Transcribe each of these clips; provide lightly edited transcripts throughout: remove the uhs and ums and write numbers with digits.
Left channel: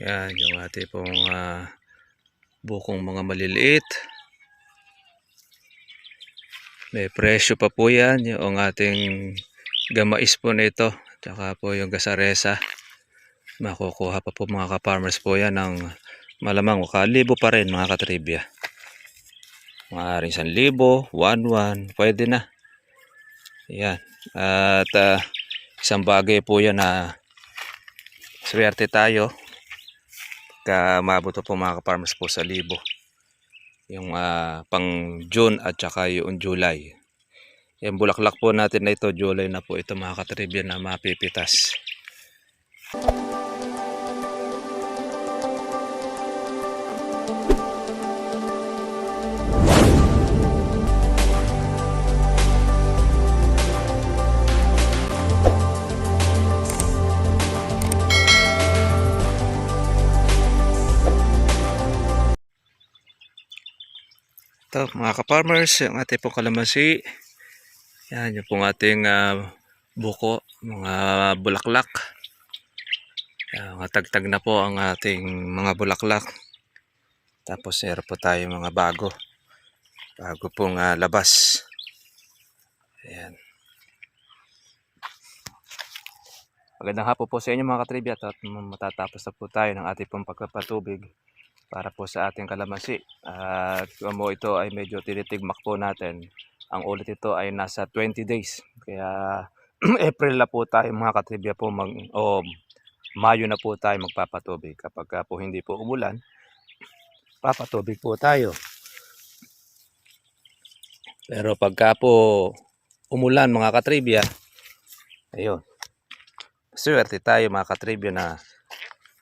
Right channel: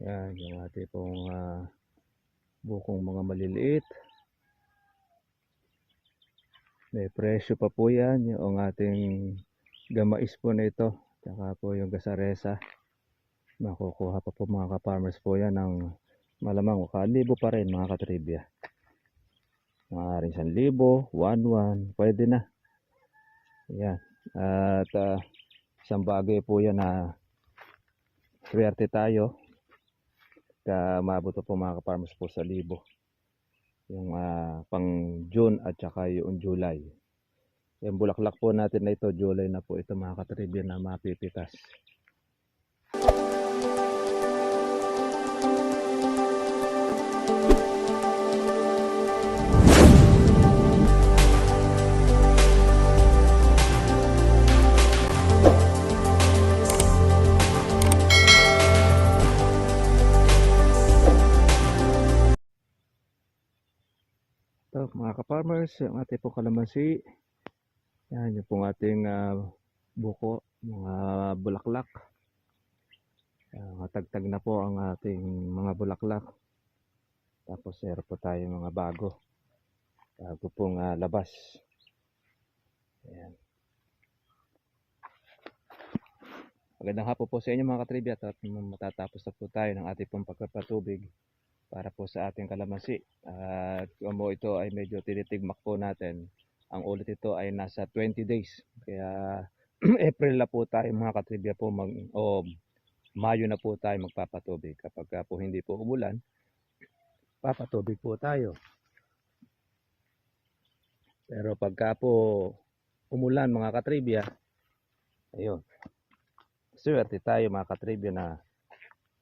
Yan, yung ating pong bukong mga maliliit. May presyo pa po yan. Yung ating gamais po na ito. Tsaka po yung gasaresa. Makukuha pa po mga ka-farmers po yan ng malamang kalibo pa rin mga katribya. Maaaring 1,000, 1,100, pwede na. Yan. At isang bagay po yan na swerte tayo. Mabuto po mga ka-farmers po sa 1,000. Yung pang June at saka yung July. Yung bulaklak po natin na ito, July na po ito mga katribya na mapipitas. Ito mga ka-farmers, yung ating pong kalamansi. Yan yung pong ating buko, mga bulaklak. Matagtag na po ang ating mga bulaklak. Tapos meron po tayo mga bago pong labas. Ayan. Magandang hapon po sa inyo mga katribya at matatapos na po tayo ng ating pong pagpapatubig para po sa ating kalamansi. At kung ito ay medyo tinitigmak po natin, ang ulit ito ay nasa 20 days. Kaya April na po tayo mga katribya po Mayo na po tayo magpapatubig. Kapag po hindi po umulan, papatubig po tayo. Pero pagka po umulan mga katribya, ayun, swerte tayo mga katribya na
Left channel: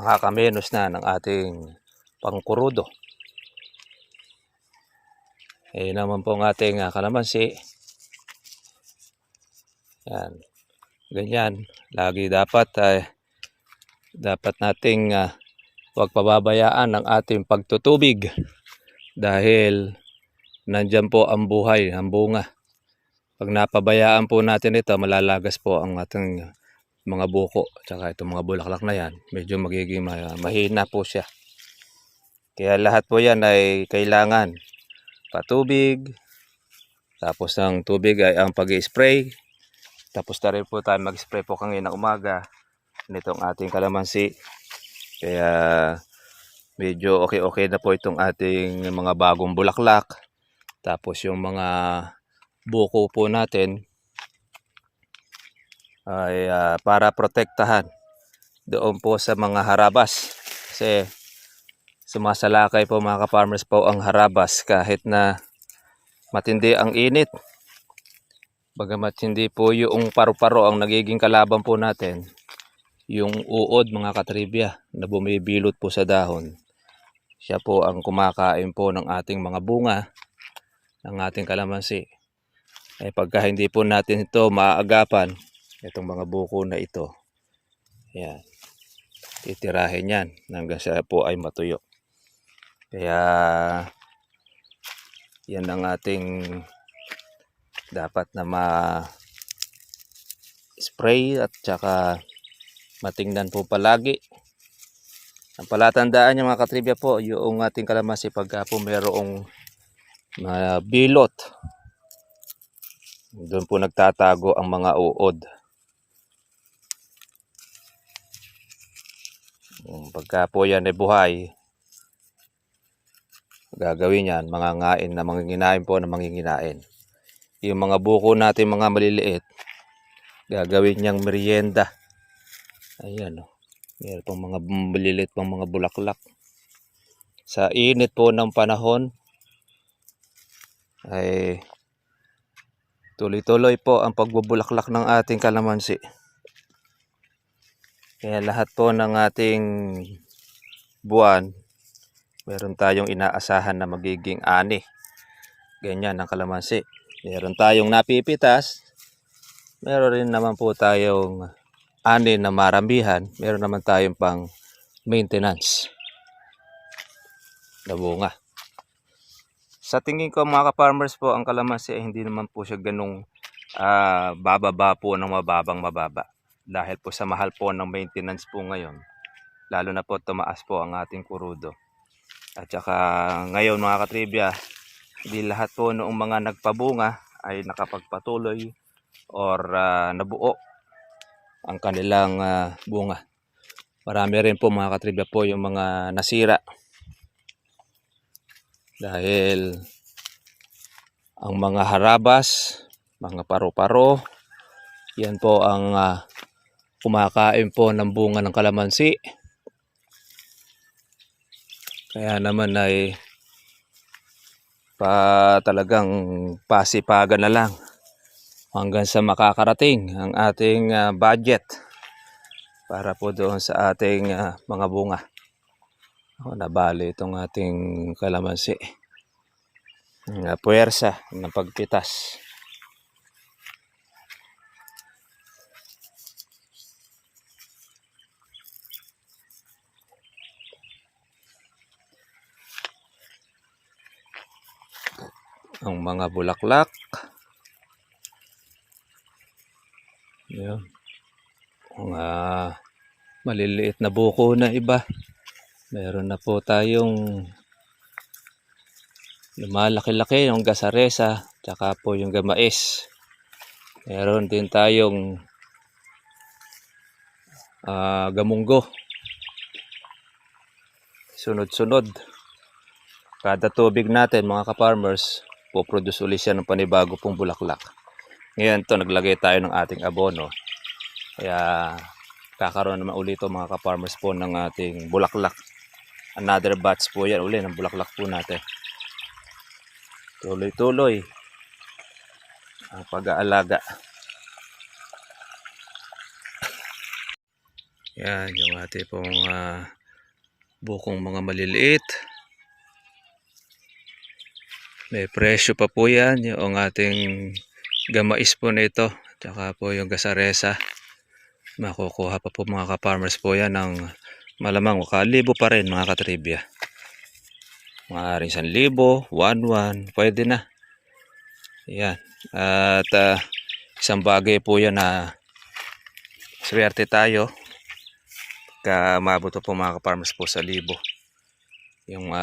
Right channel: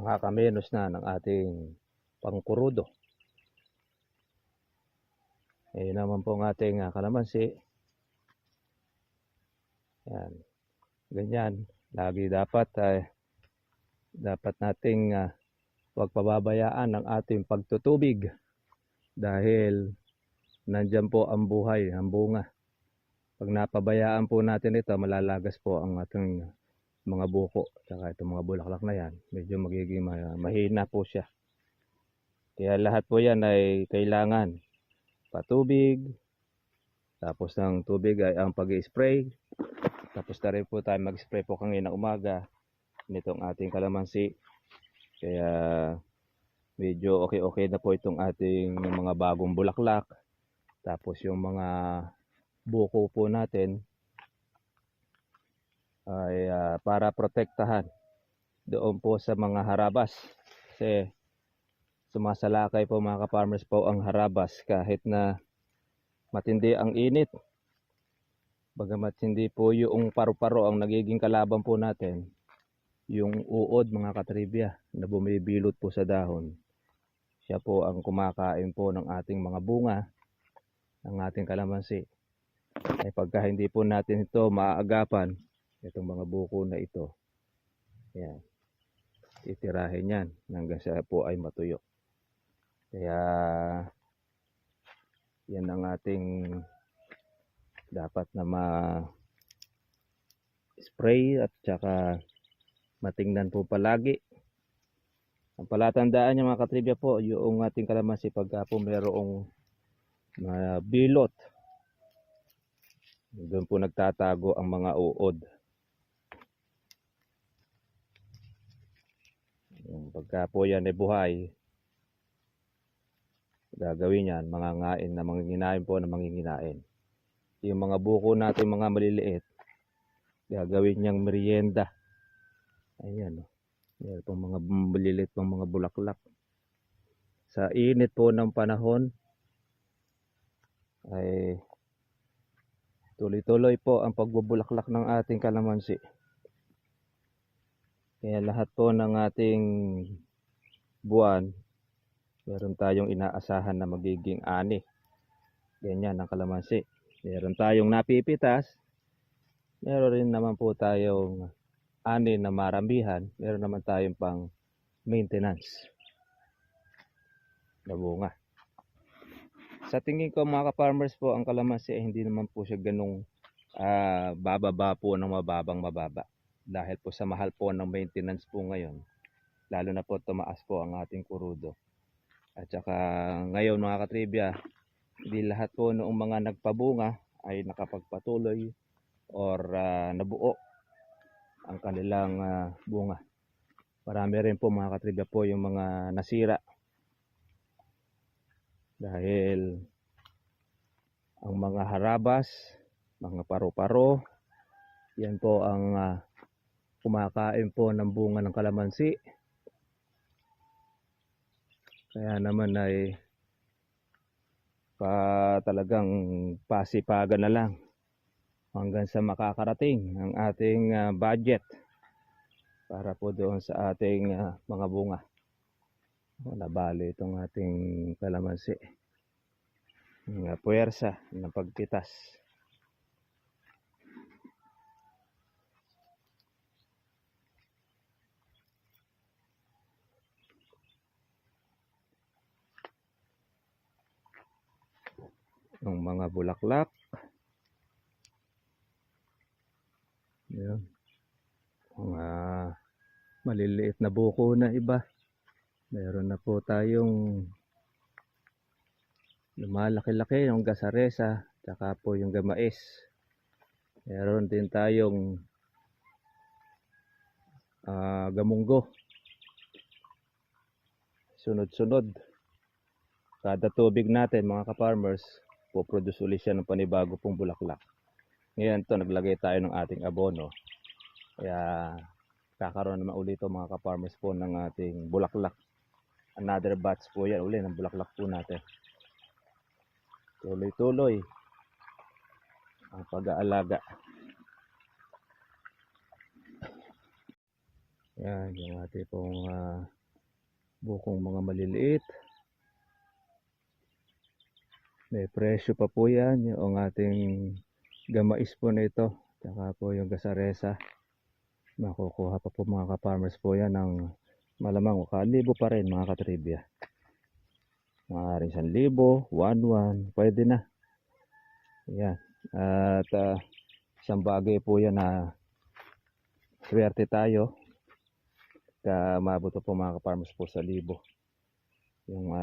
makakamenos na ng ating pangkurudo. Naman po ang ating kalamansi. Yan. Ganyan. Lagi dapat nating huwag pababayaan ang ating pagtutubig dahil nandyan po ang buhay, ang bunga. Pag napabayaan po natin ito, malalagas po ang ating mga buko. Tsaka itong mga bulaklak na yan, medyo magiging mahina po siya. Kaya lahat po yan ay kailangan patubig. Tapos ng tubig ay ang pag-i-spray. Tapos na rin po tayo mag-spray po kanina umaga nitong ating kalamansi. Kaya medyo okay na po itong ating mga bagong bulaklak. Tapos yung mga buko po natin ay para protektahan doon po sa mga harabas. Kasi sumasalakay po mga ka-farmers po ang harabas kahit na matindi ang init. Bagamat hindi po yung paru-paro ang nagiging kalaban po natin, yung uod mga katribya na bumibilot po sa dahon. Siya po ang kumakain po ng ating mga bunga, ng ating kalamansi. Pagka hindi po natin ito maaagapan, itong mga buko na ito, yan, titirahin yan hanggang siya po ay matuyo. Kaya yan ang ating dapat na ma-spray at saka matingnan po palagi. Ang palatandaan niya mga katribya po, yung ating kalamansi pagka po mayroong bilot, doon po nagtatago ang mga uod. Pagka po yan ay buhay, gagawin yan, mangangain na manginginain po na manginginain. Yung mga buko natin mga maliliit, gagawin niyang merienda. Ayan o. Meron pang mga maliliit pang mga bulaklak. Sa init po ng panahon, ay tuloy-tuloy po ang pagbubulaklak ng ating kalamansi. Kaya lahat po ng ating buwan, meron tayong inaasahan na magiging ani. Ganyan ang kalamansi. Meron tayong napipitas. Meron rin naman po tayong ani na maramihan. Meron naman tayong pang maintenance na bunga. Sa tingin ko mga ka-farmers po, ang kalamansi ay hindi naman po siya ganung bababa po ng mababa. Dahil po sa mahal po ng maintenance po ngayon, lalo na po tumaas po ang ating kurudo. At saka ngayon mga katribya, hindi lahat po noong mga nagpabunga ay nakapagpatuloy or nabuo ang kanilang bunga. Marami rin po mga katribya po yung mga nasira dahil ang mga harabas, mga paru-paro, yan po ang kumakain po ng bunga ng kalamansi. Kaya naman ay talagang pasipagan na lang hanggang sa makakarating ang ating budget para po doon sa ating mga bunga. Nabali itong ating kalamansi. Puwersa ng pagpitas. Ang mga bulaklak. Yun. Mga maliliit na buko na iba. Meron na po tayong lumalaki-laki yung gasaresa, tsaka po yung gamais. Meron din tayong gamunggo. Sunod-sunod. Kada tubig natin mga ka-farmers, po-produce ulit siya ng panibago pong bulaklak. Ngayon to naglagay tayo ng ating abono. Kaya kakaroon naman ulit mga ka-farmers po ng ating bulaklak. Another batch po yan ulit ng bulaklak po natin. Tuloy-tuloy ang pag-aalaga. Yan yung ating pong bukong mga maliliit. May presyo pa po yan yung ating gamais po nito. Tsaka po yung gasaresa. Makukuha pa po mga ka-farmers po yan ng malamang kalibo pa rin mga katribya. Maaaring 1,000, 1,100, pwede na. Yan. At isang bagay po yan na swerte tayo. Maabot po mga ka-farmers po sa 1,000. Yung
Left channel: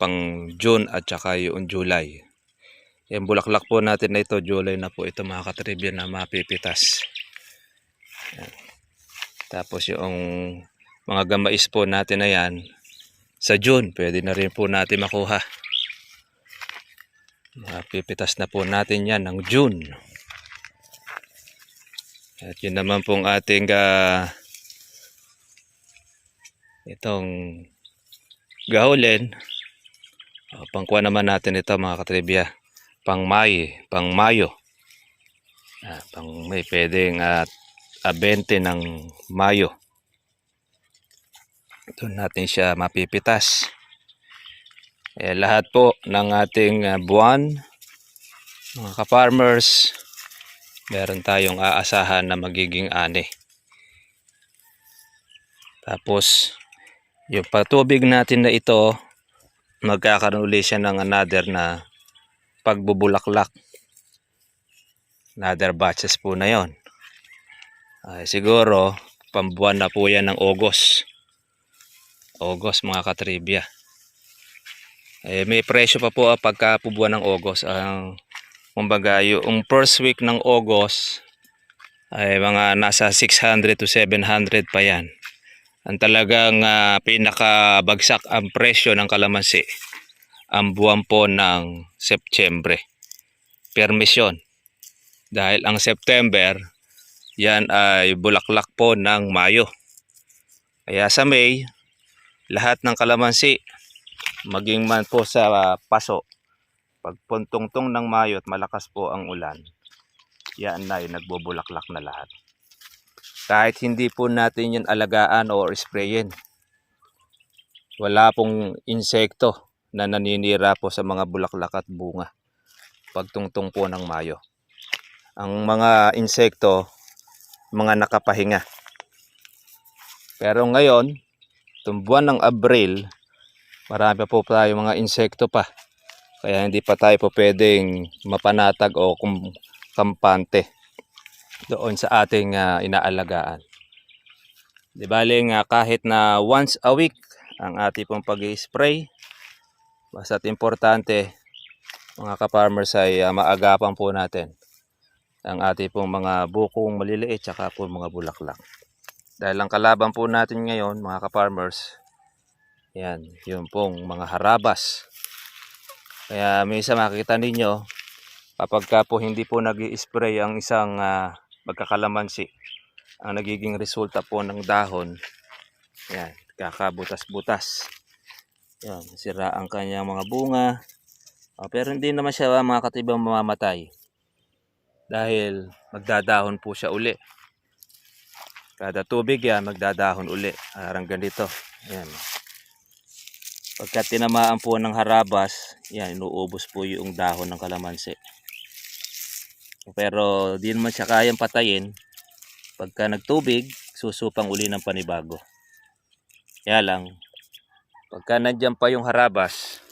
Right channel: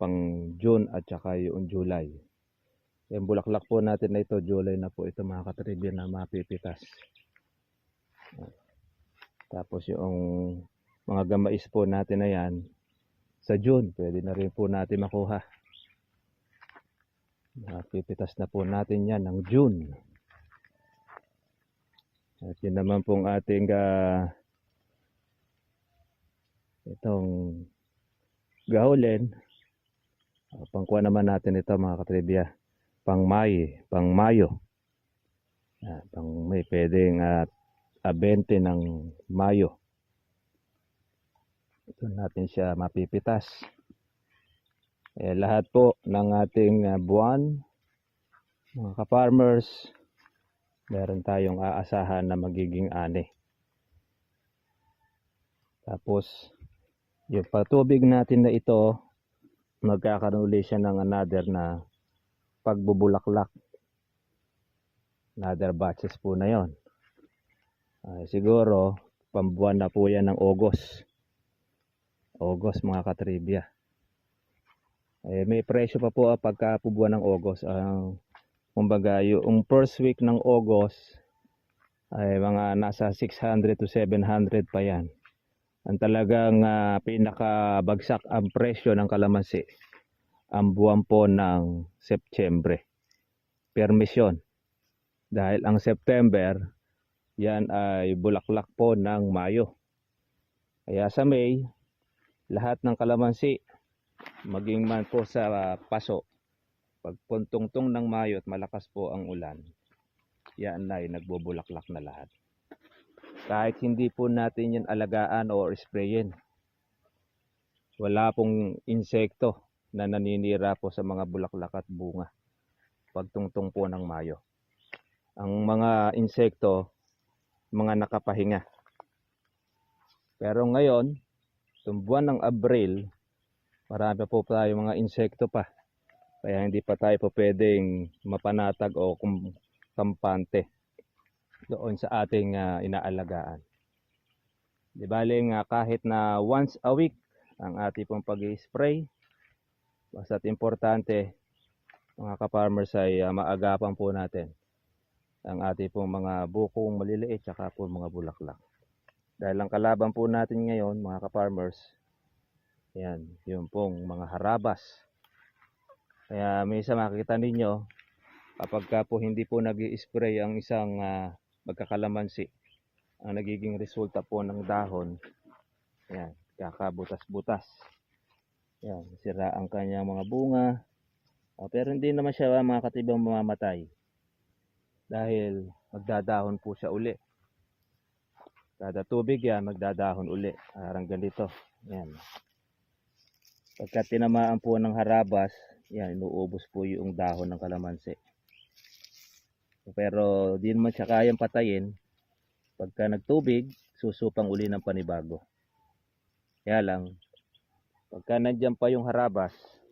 pang June at saka yung July. Yung bulaklak po natin na ito, July na po ito mga katribya na mapipitas. Yan. Tapos yung mga gamais po natin na yan, sa June, pwede na rin po natin makuha. Mapipitas na po natin yan ng June. At yun naman pong ating itong gahulin. Pangkuha naman natin ito mga katribya. Pang Mayo. Pang May, pwedeng 20 ng Mayo. Doon natin siya mapipitas. Lahat po ng ating buwan, mga ka-farmers, meron tayong aasahan na magiging ani. Tapos, yung patubig natin na ito, magkakaroon ulit siya ng another na pagbubulaklak. Another batches po na yon. Siguro, pambuwan na po yan ng August. August mga katribya. May presyo pa po pagka buwan ng August. Kumbaga yung first week ng August ay mga nasa 600 to 700 pa yan. Ang talagang pinakabagsak ang presyo ng kalamansi ang buwan po ng September. Permisyon. Dahil ang September, yan ay bulaklak po ng Mayo. Kaya sa May, lahat ng kalamansi, maging man po sa paso, pag puntungtong ng Mayo at malakas po ang ulan, yan ay nagbubulaklak na lahat. Kahit hindi po natin yan alagaan o sprayin, wala pong insekto na naninira po sa mga bulaklak at bunga pagtungtong po ng Mayo. Ang mga insekto, mga nakapahinga. Pero ngayon, itong buwan ng Abril, marami po tayo mga insekto pa. Kaya hindi pa tayo po pwedeng mapanatag o kampante doon sa ating inaalagaan. Di bali nga kahit na once a week ang ating pong pag-i-spray. Basta't importante mga ka-farmers ay maagapan po natin ang ating pong mga bukong maliliit tsaka po mga bulaklak. Dahil ang kalaban po natin ngayon mga ka-farmers, yan, yung pong mga harabas. Kaya minsan makikita ninyo kapag ka po hindi po nag-i-spray ang isang magkakalamansi, ang nagiging resulta po ng dahon, yan, kakabutas-butas. Yan, sira ang kanyang mga bunga. Pero hindi naman siya mga katibang mamamatay. Dahil magdadahon po siya uli. Kada tubig yan, magdadahon uli. Parang ganito. Yan. Pagka tinamaan po ng harabas, yan, inuubos po yung dahon ng kalamansi. Pero di naman siya kayang patayin. Pagka nagtubig, susupang uli ng panibago. Kaya lang, pagka nandyan pa yung harabas,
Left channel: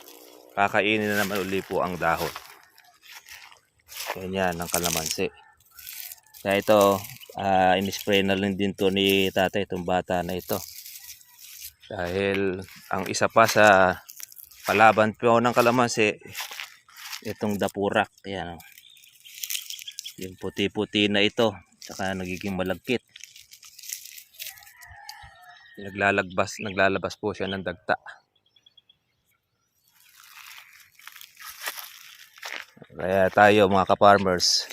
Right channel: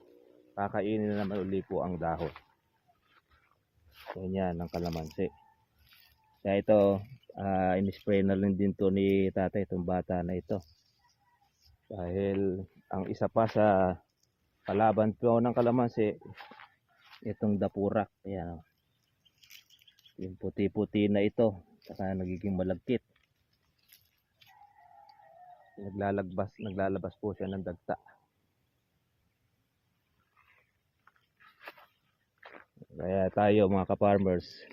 kakainin na naman uli po ang dahon. Ganyan ang kalamansi. Kaya ito, in-spray na lang din to ni tatay itong bata na ito. Dahil ang isa pa sa palaban po ng kalamansi, itong dapurak. Yan. Yung puti-puti na ito, saka nagiging malagkit. Naglalabas po siya ng dagta. Kaya tayo mga ka-farmers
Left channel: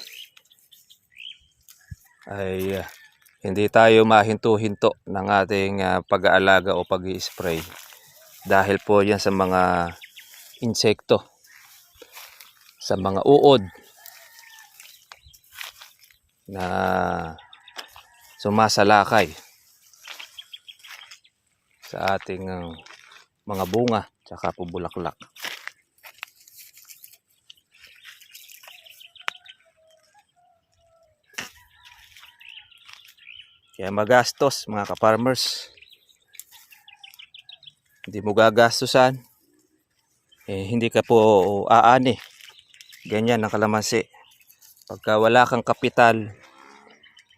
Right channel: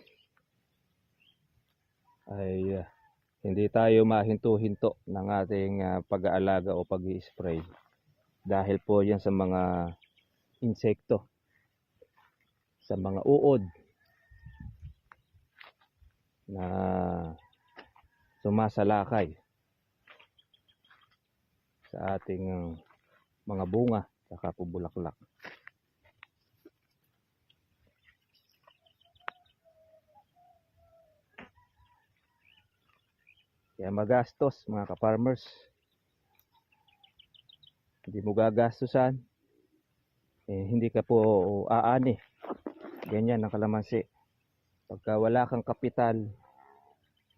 ay hindi tayo mahinto-hinto ng ating pag-aalaga o pag-i-spray dahil po yan sa mga insekto, sa mga uod na sumasalakay sa ating mga bunga tsaka po bulaklak. Kaya magastos mga ka-farmers. Hindi mo gagastusan, hindi ka po aani. Ganyan ang kalamansi. Pagka wala kang kapital,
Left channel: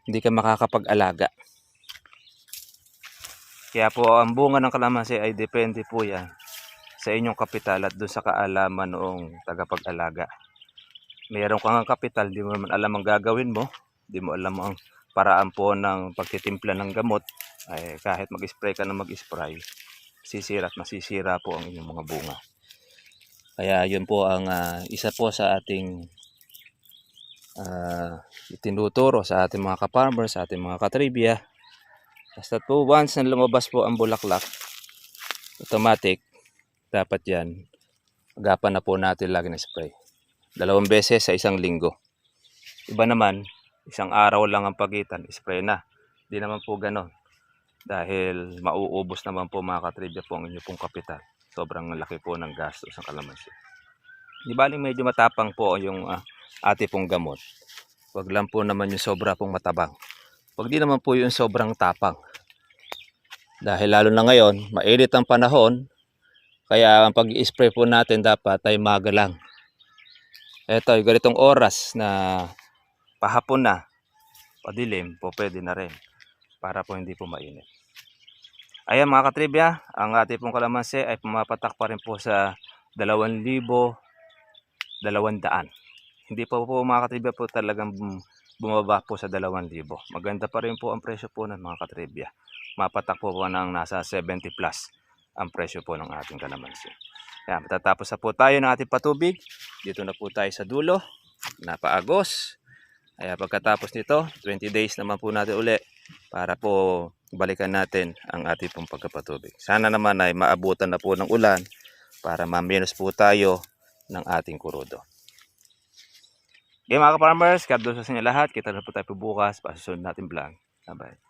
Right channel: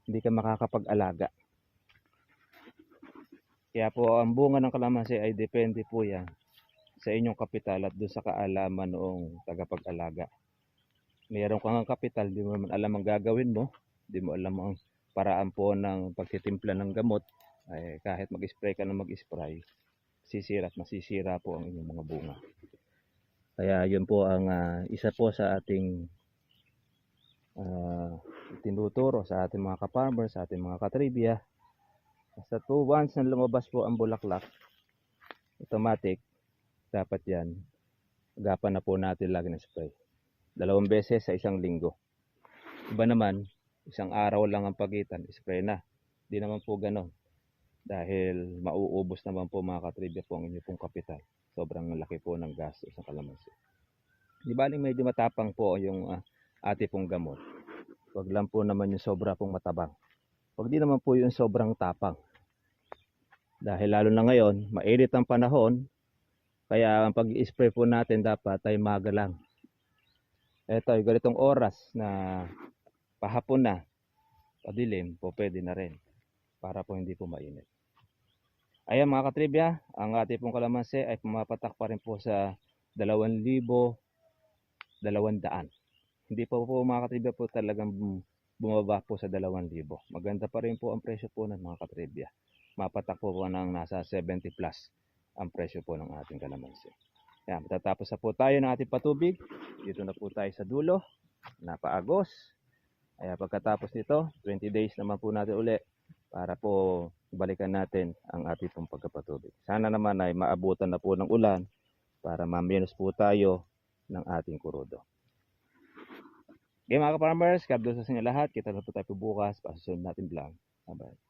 hindi ka makakapag-alaga. Kaya po ang bunga ng kalamansi ay depende po yan sa inyong kapital at doon sa kaalaman noong tagapag-alaga. Mayroon kang kapital, di mo naman alam ang gagawin mo, di mo alam ang paraan po ng pagtitimpla ng gamot, ay kahit mag-spray ka na mag-spray, sisira at masisira po ang inyong mga bunga. Kaya yun po ang isa po sa ating tinuturo sa ating mga ka-farmers, sa ating mga katribya. Basta po once na lumabas po ang bulaklak, automatic, dapat yan, agapan na po natin lagi ng spray. 2 beses sa isang linggo. Iba naman, isang araw lang ang pagitan, spray na. Di naman po ganon. Dahil mauubos naman po mga katribya po ang inyong pong kapital. Sobrang laki po ng gastos ng kalamansi. Di baling medyo matapang po yung ate pong gamot. Wag lang po naman yung sobra pong matabang. Wag din naman po yung sobrang tapang. Dahil lalo na ngayon, mainit ang panahon. Kaya ang pag-i-spray po natin dapat ay maga lang. Ito, yung ganitong oras na pahapon na, padilim po pwede na rin para po hindi po mainit. Ayan mga katribya, ang ating pong kalamansi ay pumapatak pa rin po sa 2,200. Hindi po mga katribya po talagang bumaba po sa 2,000. Maganda pa rin po ang presyo po ng mga katribya. Mapatak po ng nasa 70 plus ang presyo po ng ating kalamansi. Ayan, matatapos na po tayo ng ating patubig. Dito na po tayo sa dulo, napaagos. Kaya pagkatapos nito, 20 days naman po natin uli para po balikan natin ang ating pong pagkapatubig. Sana naman ay maabutan na po ng ulan para ma-minus po tayo ng ating kurudo. Okay mga ka-farmers, God bless sa inyo lahat. Kita na po tayo po bukas. Pasusunod natin vlog. Bye-bye.